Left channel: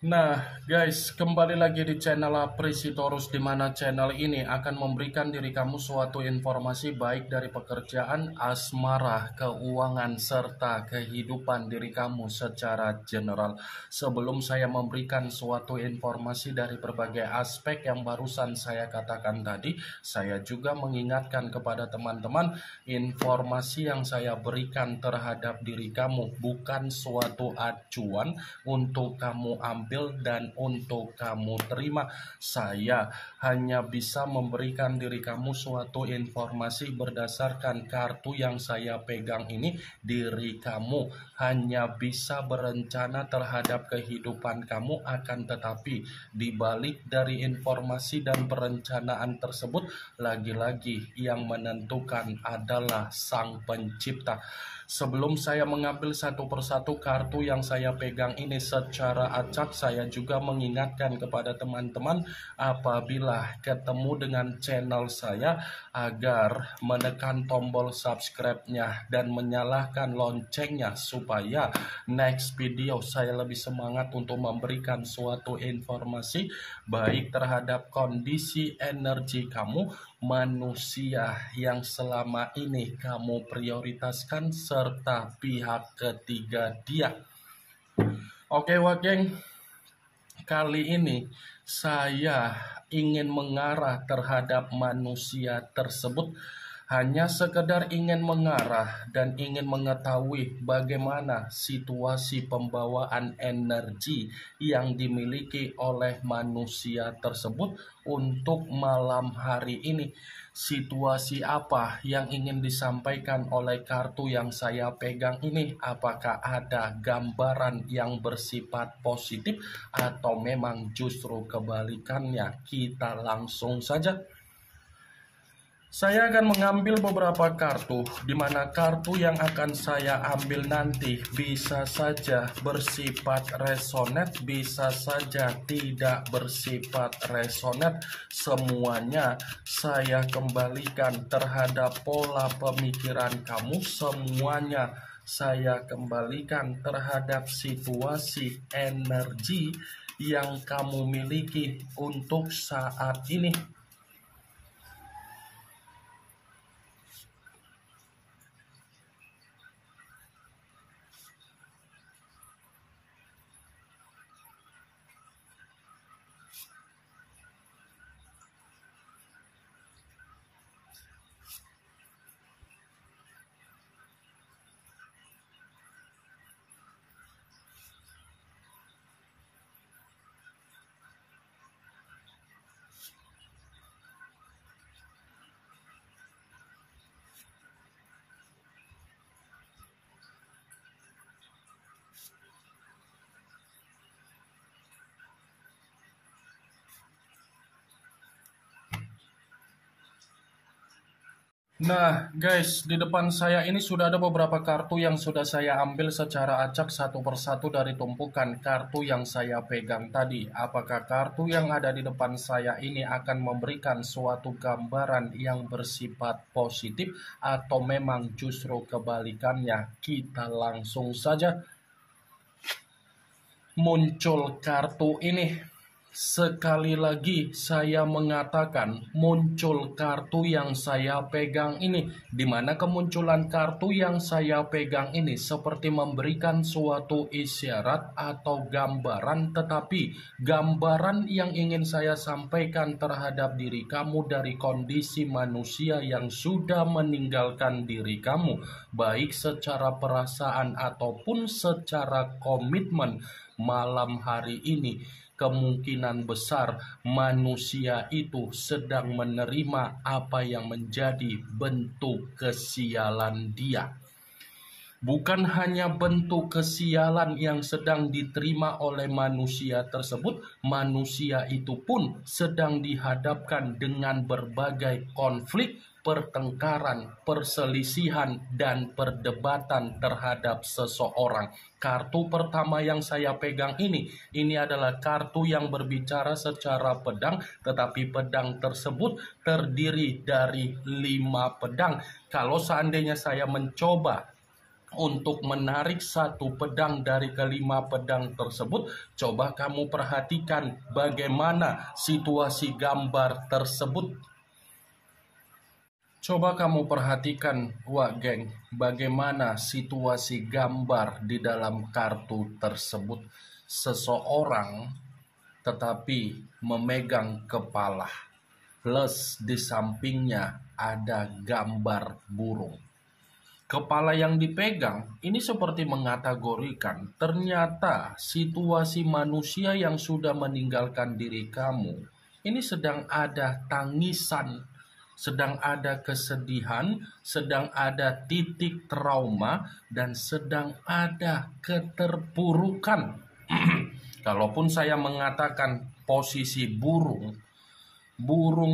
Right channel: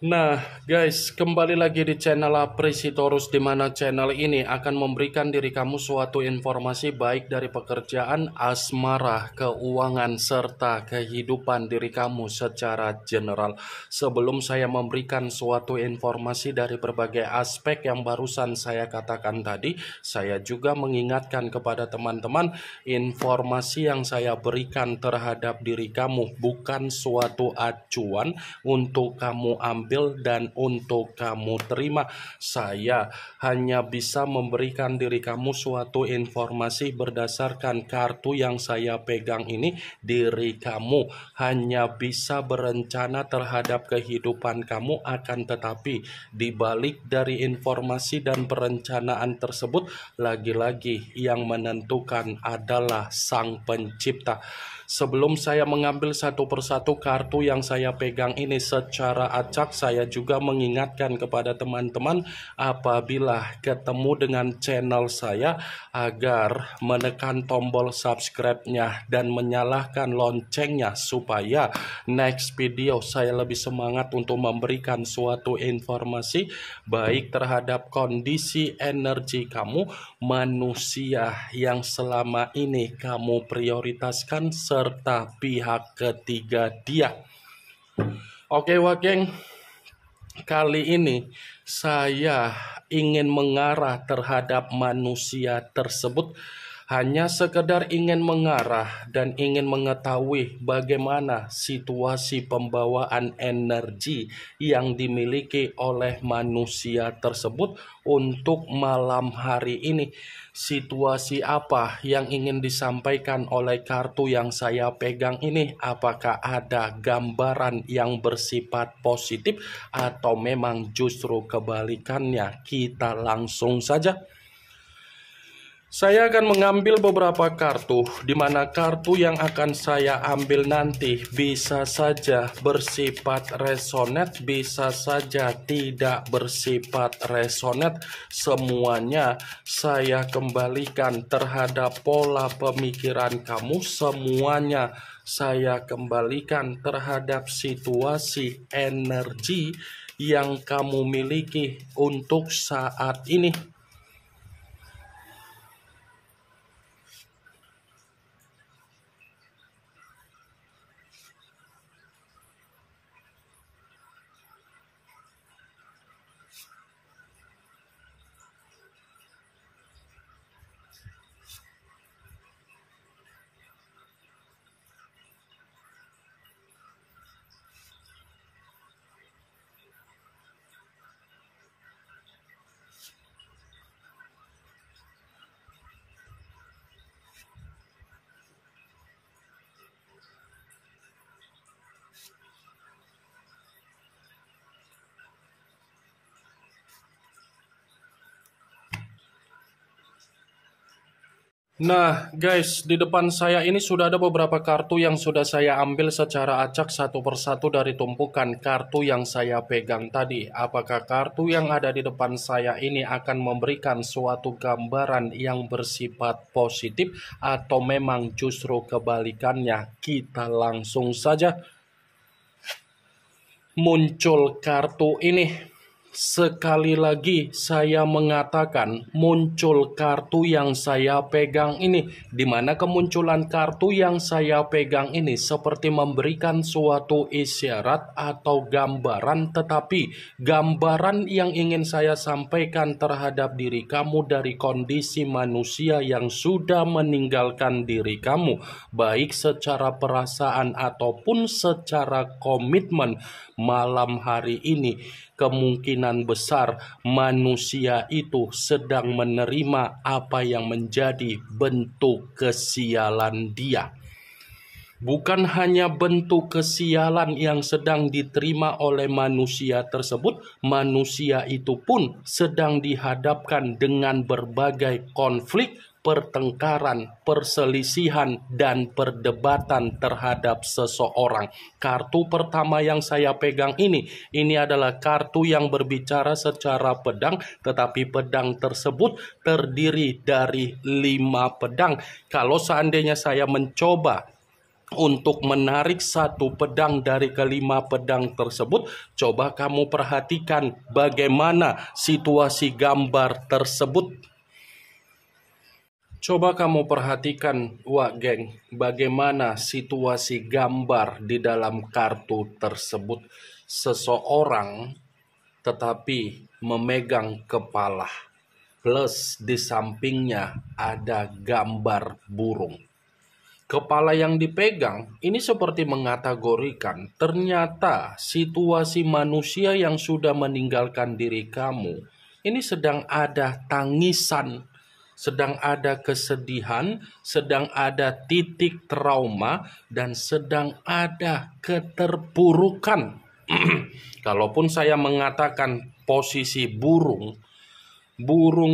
Nah, guys, kembali lagi di channel Apresitorus, di mana channel ini akan memberikan diri kamu suatu informasi baik dari pekerjaan, asmara, keuangan, serta kehidupan diri kamu secara general. Sebelum saya memberikan suatu informasi dari berbagai aspek yang barusan saya katakan tadi, saya juga mengingatkan kepada teman-teman, informasi yang saya berikan terhadap diri kamu bukan suatu acuan untuk kamu ambil dan untuk kamu terima. Saya hanya bisa memberikan diri kamu suatu informasi berdasarkan kartu yang saya pegang ini. Diri kamu hanya bisa berencana terhadap kehidupan kamu, akan tetapi dibalik dari informasi dan perencanaan tersebut, lagi-lagi yang menentukan adalah Sang Pencipta. Sebelum saya mengambil satu persatu kartu yang saya pegang ini secara acak, saya juga mengingatkan kepada teman-teman apabila ketemu dengan channel saya agar menekan tombol subscribe-nya dan menyalakan loncengnya supaya next video saya lebih semangat untuk memberikan suatu informasi baik terhadap kondisi energi kamu, manusia yang selama ini kamu prioritaskan, serta pihak ketiga dia. Oke Wakeng, kali ini saya ingin mengarah terhadap manusia tersebut. Hanya sekedar ingin mengarah dan ingin mengetahui bagaimana situasi pembawaan energi yang dimiliki oleh manusia tersebut untuk malam hari ini. Situasi apa yang ingin disampaikan oleh kartu yang saya pegang ini? Apakah ada gambaran yang bersifat positif atau memang justru kebalikannya? Kita langsung saja. Saya akan mengambil beberapa kartu, di mana kartu yang akan saya ambil nanti bisa saja bersifat resonate, bisa saja tidak bersifat resonate. Semuanya saya kembalikan terhadap pola pemikiran kamu, semuanya saya kembalikan terhadap situasi energi yang kamu miliki untuk saat ini. Nah guys, di depan saya ini sudah ada beberapa kartu yang sudah saya ambil secara acak satu persatu dari tumpukan kartu yang saya pegang tadi. Apakah kartu yang ada di depan saya ini akan memberikan suatu gambaran yang bersifat positif atau memang justru kebalikannya? Kita langsung saja. Muncul kartu ini. Sekali lagi saya mengatakan muncul kartu yang saya pegang ini, di mana kemunculan kartu yang saya pegang ini seperti memberikan suatu isyarat atau gambaran, tetapi gambaran yang ingin saya sampaikan terhadap diri kamu dari kondisi manusia yang sudah meninggalkan diri kamu, baik secara perasaan ataupun secara komitmen. Malam hari ini kemungkinan besar manusia itu sedang menerima apa yang menjadi bentuk kesialan dia. Bukan hanya bentuk kesialan yang sedang diterima oleh manusia tersebut, manusia itu pun sedang dihadapkan dengan berbagai konflik, pertengkaran, perselisihan, dan perdebatan terhadap seseorang. Kartu pertama yang saya pegang ini adalah kartu yang berbicara secara pedang, tetapi pedang tersebut terdiri dari 5 pedang. Kalau seandainya saya mencoba untuk menarik satu pedang dari kelima pedang tersebut. Coba kamu perhatikan bagaimana situasi gambar tersebut. Coba kamu perhatikan, wak geng, bagaimana situasi gambar di dalam kartu tersebut. Seseorang tetapi memegang kepala, plus di sampingnya ada gambar burung. Kepala yang dipegang ini seperti mengkategorikan ternyata situasi manusia yang sudah meninggalkan diri kamu ini sedang ada tangisan, sedang ada kesedihan, sedang ada titik trauma, dan sedang ada keterpurukan. Kalaupun saya mengatakan posisi burung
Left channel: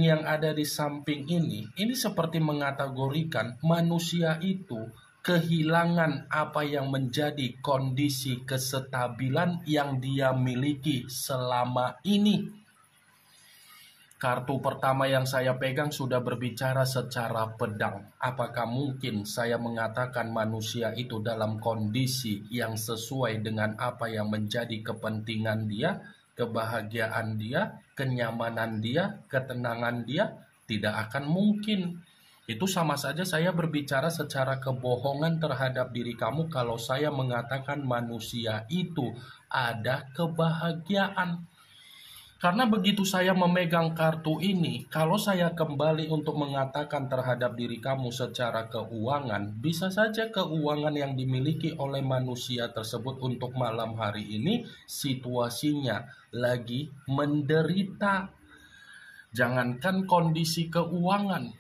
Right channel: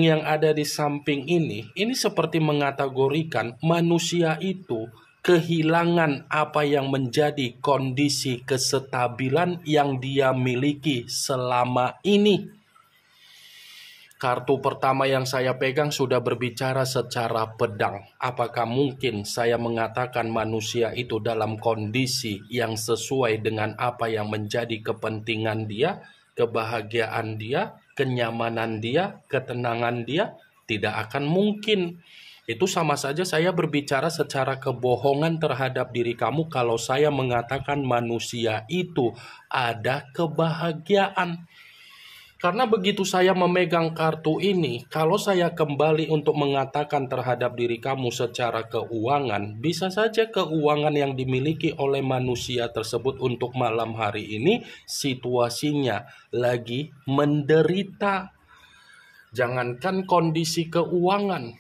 yang ada di samping ini seperti mengkategorikan manusia itu kehilangan apa yang menjadi kondisi kestabilan yang dia miliki selama ini. Kartu pertama yang saya pegang sudah berbicara secara pedang. Apakah mungkin saya mengatakan manusia itu dalam kondisi yang sesuai dengan apa yang menjadi kepentingan dia, kebahagiaan dia, kenyamanan dia, ketenangan dia? Tidak akan mungkin. Itu sama saja saya berbicara secara kebohongan terhadap diri kamu kalau saya mengatakan manusia itu ada kebahagiaan. Karena begitu saya memegang kartu ini, kalau saya kembali untuk mengatakan terhadap diri kamu secara keuangan, bisa saja keuangan yang dimiliki oleh manusia tersebut untuk malam hari ini situasinya lagi menderita. Jangankan kondisi keuangan,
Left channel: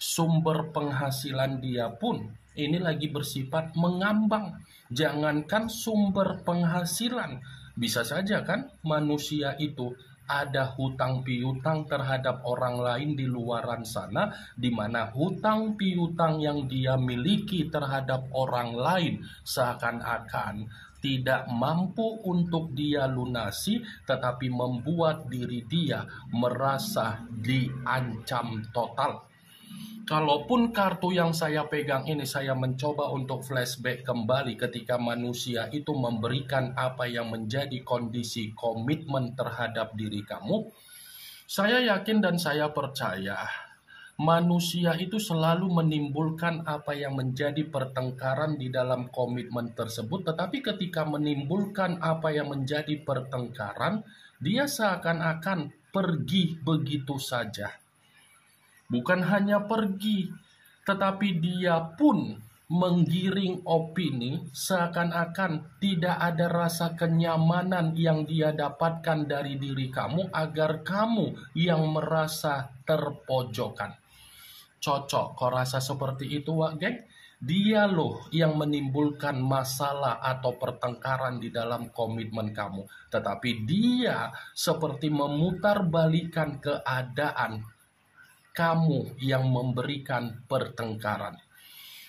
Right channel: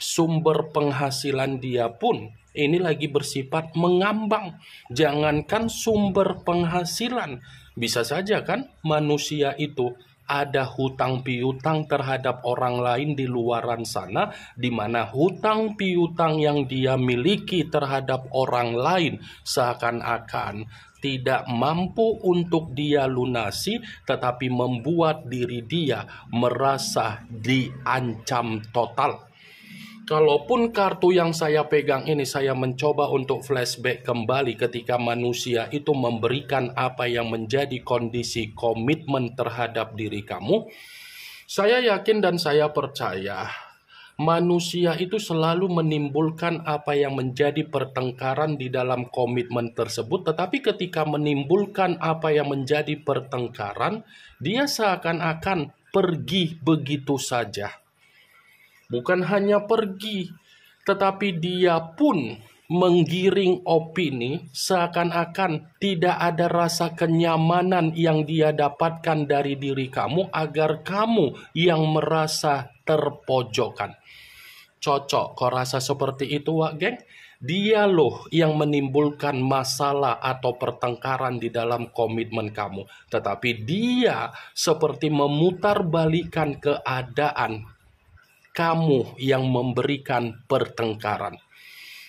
sumber penghasilan dia pun ini lagi bersifat mengambang. Jangankan sumber penghasilan, bisa saja kan manusia itu ada hutang piutang terhadap orang lain di luaran sana, di mana hutang piutang yang dia miliki terhadap orang lain seakan-akan tidak mampu untuk dia lunasi, tetapi membuat diri dia merasa diancam total. Kalaupun kartu yang saya pegang ini saya mencoba untuk flashback kembali ketika manusia itu memberikan apa yang menjadi kondisi komitmen terhadap diri kamu, saya yakin dan saya percaya manusia itu selalu menimbulkan apa yang menjadi pertengkaran di dalam komitmen tersebut, tetapi ketika menimbulkan apa yang menjadi pertengkaran, dia seakan-akan pergi begitu saja. Bukan hanya pergi, tetapi dia pun menggiring opini seakan-akan tidak ada rasa kenyamanan yang dia dapatkan dari diri kamu agar kamu yang merasa terpojokkan. Cocok kau rasa seperti itu, wak geng? Dia loh yang menimbulkan masalah atau pertengkaran di dalam komitmen kamu. Tetapi dia seperti memutarbalikkan keadaan. Kamu yang memberikan pertengkaran.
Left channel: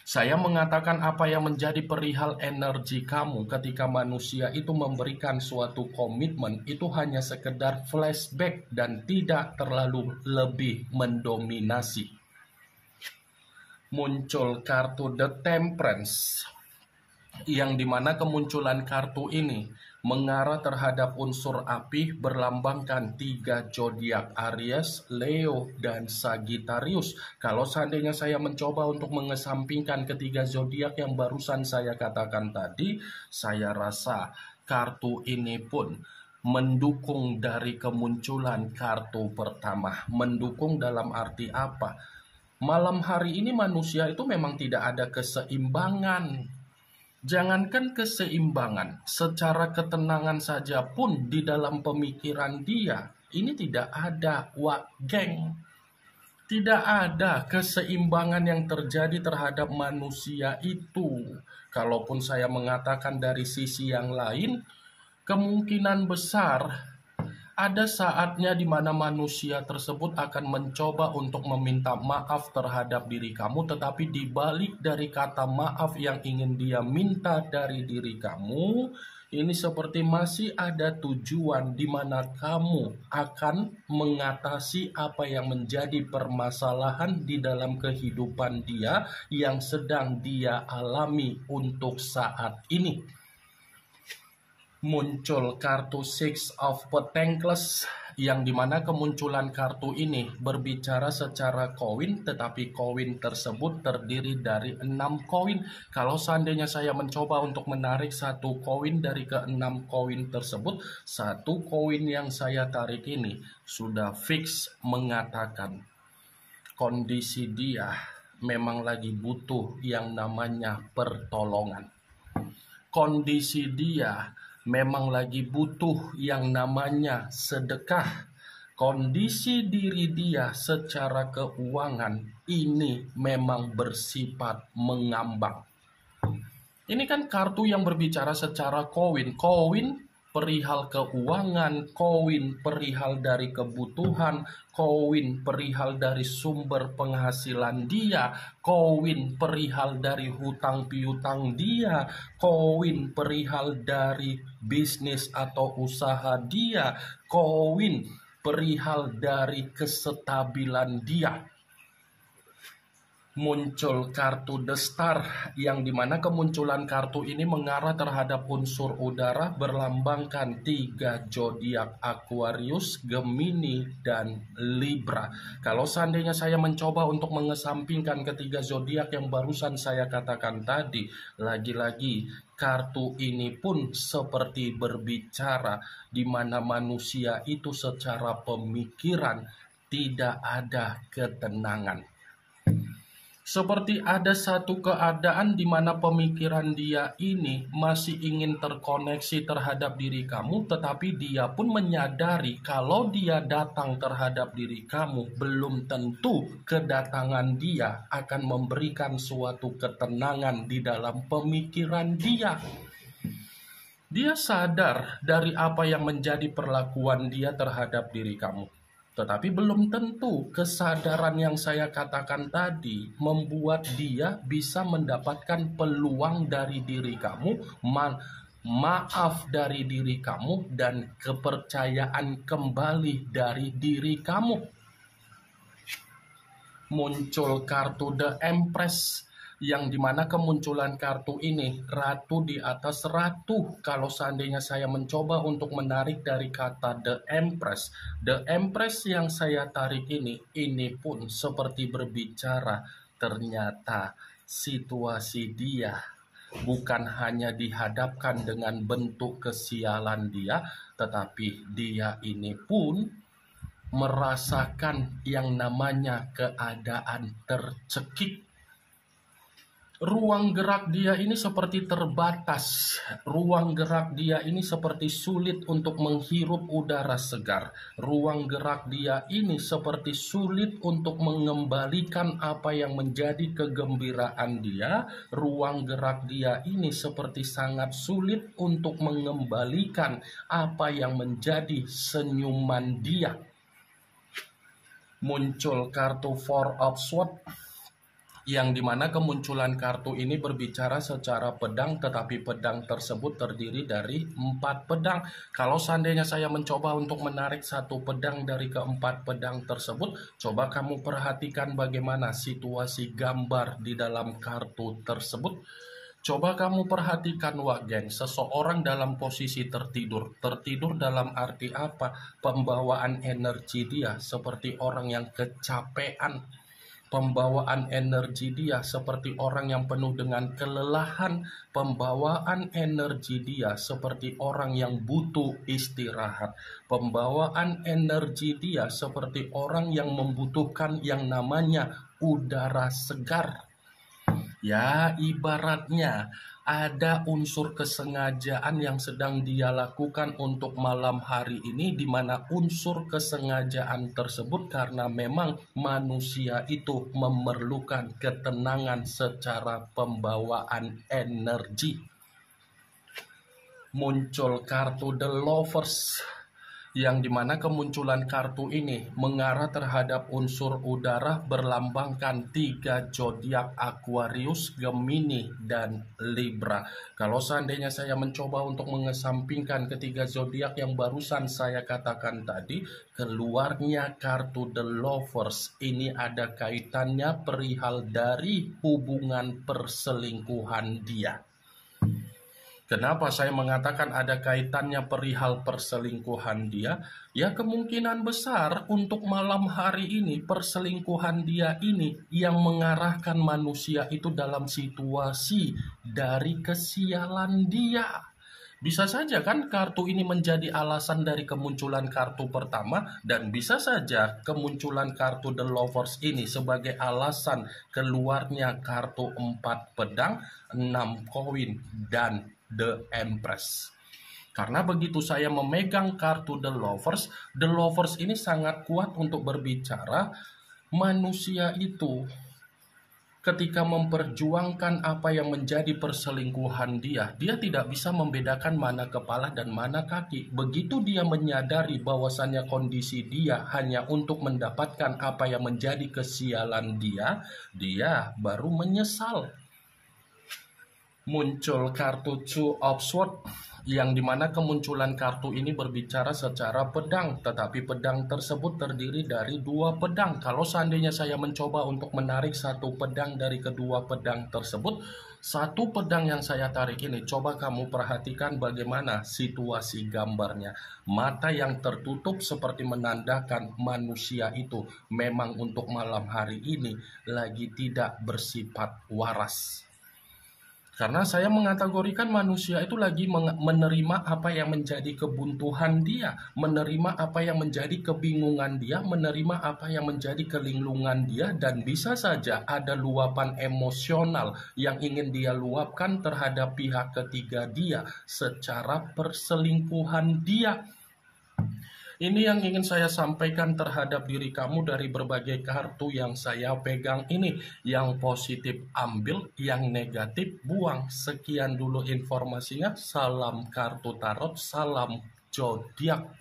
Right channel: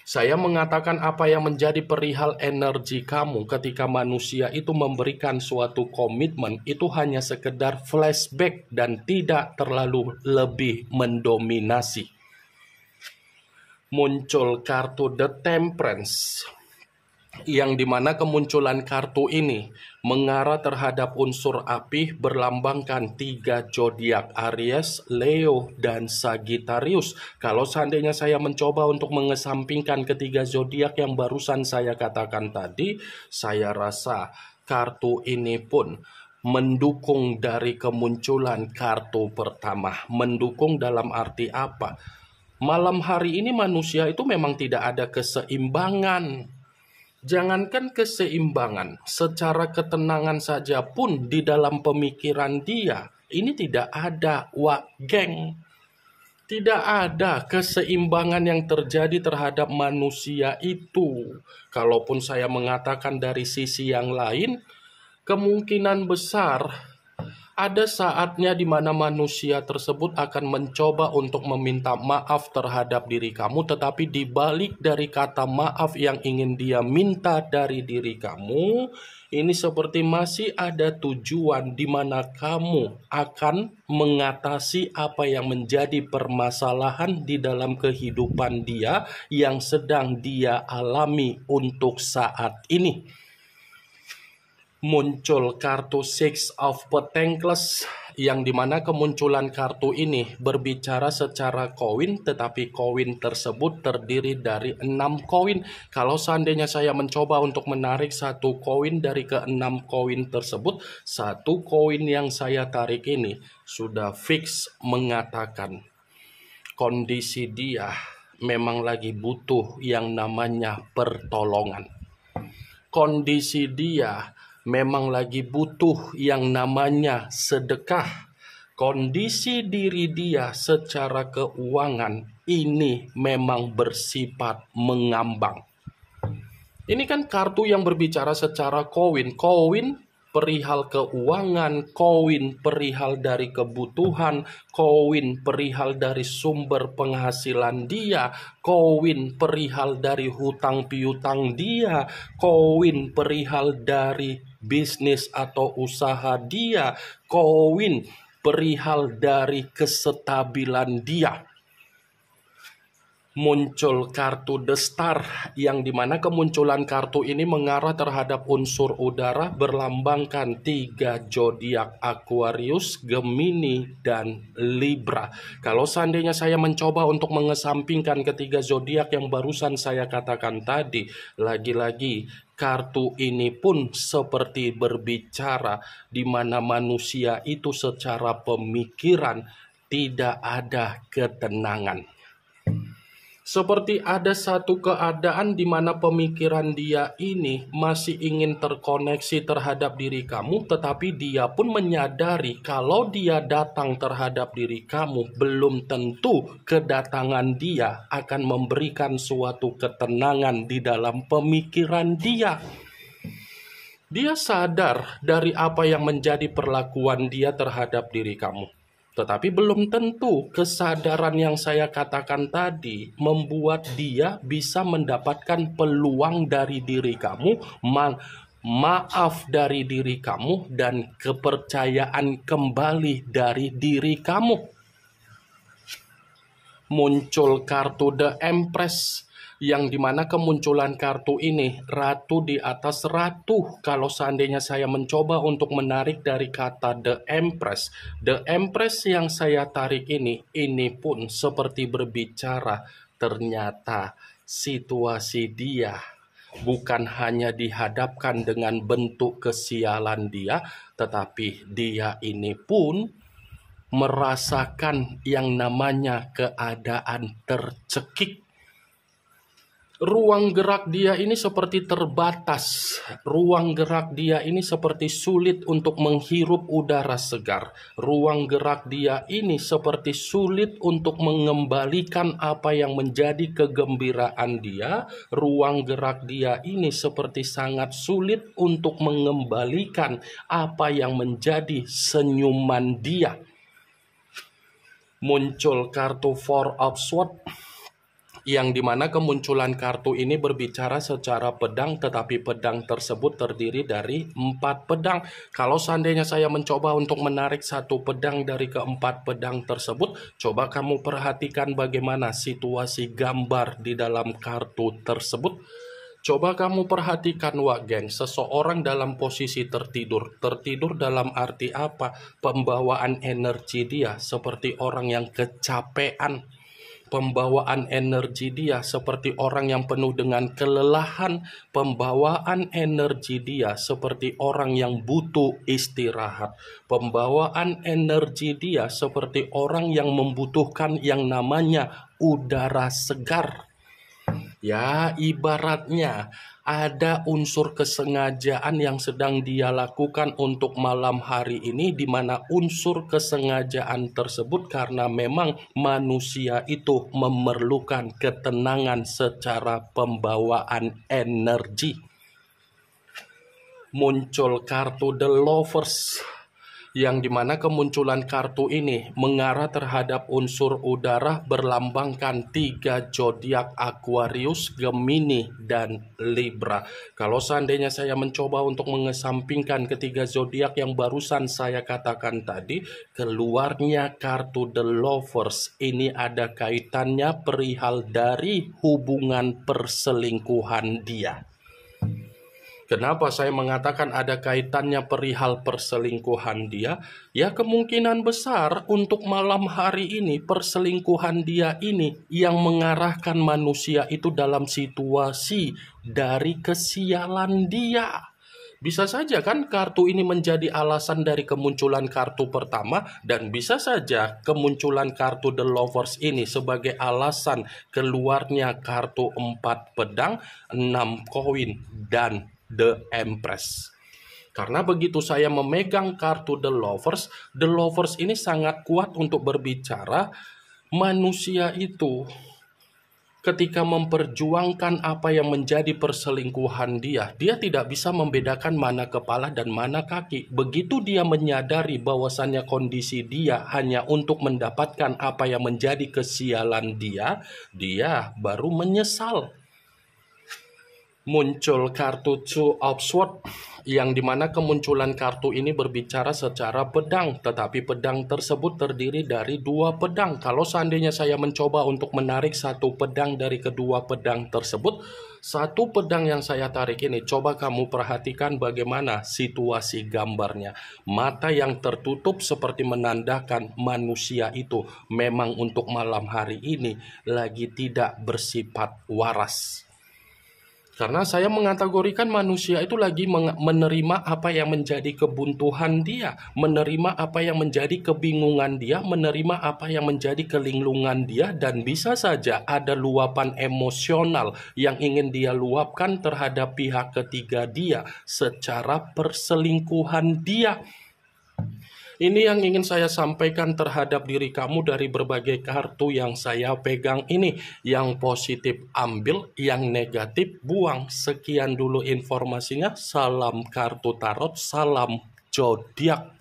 Saya mengatakan apa yang menjadi perihal energi kamu ketika manusia itu memberikan suatu komitmen itu hanya sekedar flashback dan tidak terlalu lebih mendominasi. Muncul kartu The Temperance, yang dimana kemunculan kartu ini mengarah terhadap unsur api berlambangkan 3 zodiak Aries, Leo, dan Sagittarius. Kalau seandainya saya mencoba untuk mengesampingkan ketiga zodiak yang barusan saya katakan tadi, saya rasa kartu ini pun mendukung dari kemunculan kartu pertama. Mendukung dalam arti apa? Malam hari ini manusia itu memang tidak ada keseimbangan. Jangankan keseimbangan, secara ketenangan saja pun di dalam pemikiran dia, ini tidak ada, wak geng. Tidak ada keseimbangan yang terjadi terhadap manusia itu. Kalaupun saya mengatakan dari sisi yang lain, kemungkinan besar ada saatnya di mana manusia tersebut akan mencoba untuk meminta maaf terhadap diri kamu, tetapi di balik dari kata maaf yang ingin dia minta dari diri kamu, ini seperti masih ada tujuan di mana kamu akan mengatasi apa yang menjadi permasalahan di dalam kehidupan dia yang sedang dia alami untuk saat ini. Muncul kartu Six of Pentacles yang dimana kemunculan kartu ini berbicara secara koin, tetapi koin tersebut terdiri dari 6 koin. Kalau seandainya saya mencoba untuk menarik satu koin dari ke-6 koin tersebut, satu koin yang saya tarik ini sudah fix mengatakan kondisi dia memang lagi butuh yang namanya pertolongan. Kondisi dia memang lagi butuh yang namanya sedekah. Kondisi diri dia secara keuangan ini memang bersifat mengambang. Ini kan kartu yang berbicara secara koin. Koin perihal keuangan, koin perihal dari kebutuhan, koin perihal dari sumber penghasilan dia, koin perihal dari hutang piutang dia, koin perihal dari bisnis atau usaha dia, koin perihal dari kestabilan dia. Muncul kartu The Star yang dimana kemunculan kartu ini mengarah terhadap unsur udara berlambangkan 3 zodiak Aquarius, Gemini, dan Libra. Kalau seandainya saya mencoba untuk mengesampingkan ketiga zodiak yang barusan saya katakan tadi, lagi-lagi kartu ini pun seperti berbicara di mana manusia itu secara pemikiran tidak ada ketenangan. Seperti ada satu keadaan di mana pemikiran dia ini masih ingin terkoneksi terhadap diri kamu, tetapi dia pun menyadari kalau dia datang terhadap diri kamu, belum tentu kedatangan dia akan memberikan suatu ketenangan di dalam pemikiran dia. Dia sadar dari apa yang menjadi perlakuan dia terhadap diri kamu. Tetapi belum tentu kesadaran yang saya katakan tadi membuat dia bisa mendapatkan peluang dari diri kamu, maaf dari diri kamu, dan kepercayaan kembali dari diri kamu. Muncul kartu The Empress yang dimana kemunculan kartu ini ratu di atas ratu. Kalau seandainya saya mencoba untuk menarik dari kata The Empress yang saya tarik ini pun seperti berbicara ternyata situasi dia bukan hanya dihadapkan dengan bentuk kesialan dia, tetapi dia ini pun merasakan yang namanya keadaan tercekik. Ruang gerak dia ini seperti terbatas. Ruang gerak dia ini seperti sulit untuk menghirup udara segar. Ruang gerak dia ini seperti sulit untuk mengembalikan apa yang menjadi kegembiraan dia. Ruang gerak dia ini seperti sangat sulit untuk mengembalikan apa yang menjadi senyuman dia. Muncul kartu Four of Swords yang dimana kemunculan kartu ini berbicara secara pedang, tetapi pedang tersebut terdiri dari 4 pedang. Kalau seandainya saya mencoba untuk menarik satu pedang dari keempat pedang tersebut, coba kamu perhatikan bagaimana situasi gambar di dalam kartu tersebut. Coba kamu perhatikan, Wak Geng, seseorang dalam posisi tertidur. Tertidur dalam arti apa? Pembawaan energi dia seperti orang yang kecapean. Pembawaan energi dia seperti orang yang penuh dengan kelelahan. Pembawaan energi dia seperti orang yang butuh istirahat. Pembawaan energi dia seperti orang yang membutuhkan yang namanya udara segar. Ya, ibaratnya ada unsur kesengajaan yang sedang dia lakukan untuk malam hari ini, di mana unsur kesengajaan tersebut karena memang manusia itu memerlukan ketenangan secara pembawaan energi. Muncul kartu The Lovers yang dimana kemunculan kartu ini mengarah terhadap unsur udara berlambangkan 3 zodiak Aquarius, Gemini, dan Libra. Kalau seandainya saya mencoba untuk mengesampingkan ketiga zodiak yang barusan saya katakan tadi, keluarnya kartu The Lovers. Ini ada kaitannya perihal dari hubungan perselingkuhan dia. Kenapa saya mengatakan ada kaitannya perihal perselingkuhan dia? Ya, kemungkinan besar untuk malam hari ini perselingkuhan dia ini yang mengarahkan manusia itu dalam situasi dari kesialan dia. Bisa saja kan kartu ini menjadi alasan dari kemunculan kartu pertama, dan bisa saja kemunculan kartu The Lovers ini sebagai alasan keluarnya kartu 4 pedang, 6 koin, dan The Empress. Karena begitu saya memegang kartu The Lovers ini sangat kuat untuk berbicara manusia itu ketika memperjuangkan apa yang menjadi perselingkuhan dia tidak bisa membedakan mana kepala dan mana kaki. Begitu dia menyadari bahwasannya kondisi dia hanya untuk mendapatkan apa yang menjadi kesialan dia baru menyesal. Muncul kartu Two of Swords, yang dimana kemunculan kartu ini berbicara secara pedang, tetapi pedang tersebut terdiri dari 2 pedang. Kalau seandainya saya mencoba untuk menarik satu pedang dari kedua pedang tersebut, satu pedang yang saya tarik ini, coba kamu perhatikan bagaimana situasi gambarnya. Mata yang tertutup seperti menandakan manusia itu memang untuk malam hari ini lagi tidak bersifat waras. Karena saya mengategorikan manusia itu lagi menerima apa yang menjadi kebuntuan dia, menerima apa yang menjadi kebingungan dia, menerima apa yang menjadi kelinglungan dia, dan bisa saja ada luapan emosional yang ingin dia luapkan terhadap pihak ketiga dia secara perselingkuhan dia. Ini yang ingin saya sampaikan terhadap diri kamu dari berbagai kartu yang saya pegang ini. Yang positif ambil, yang negatif buang. Sekian dulu informasinya. Salam kartu tarot, salam zodiak.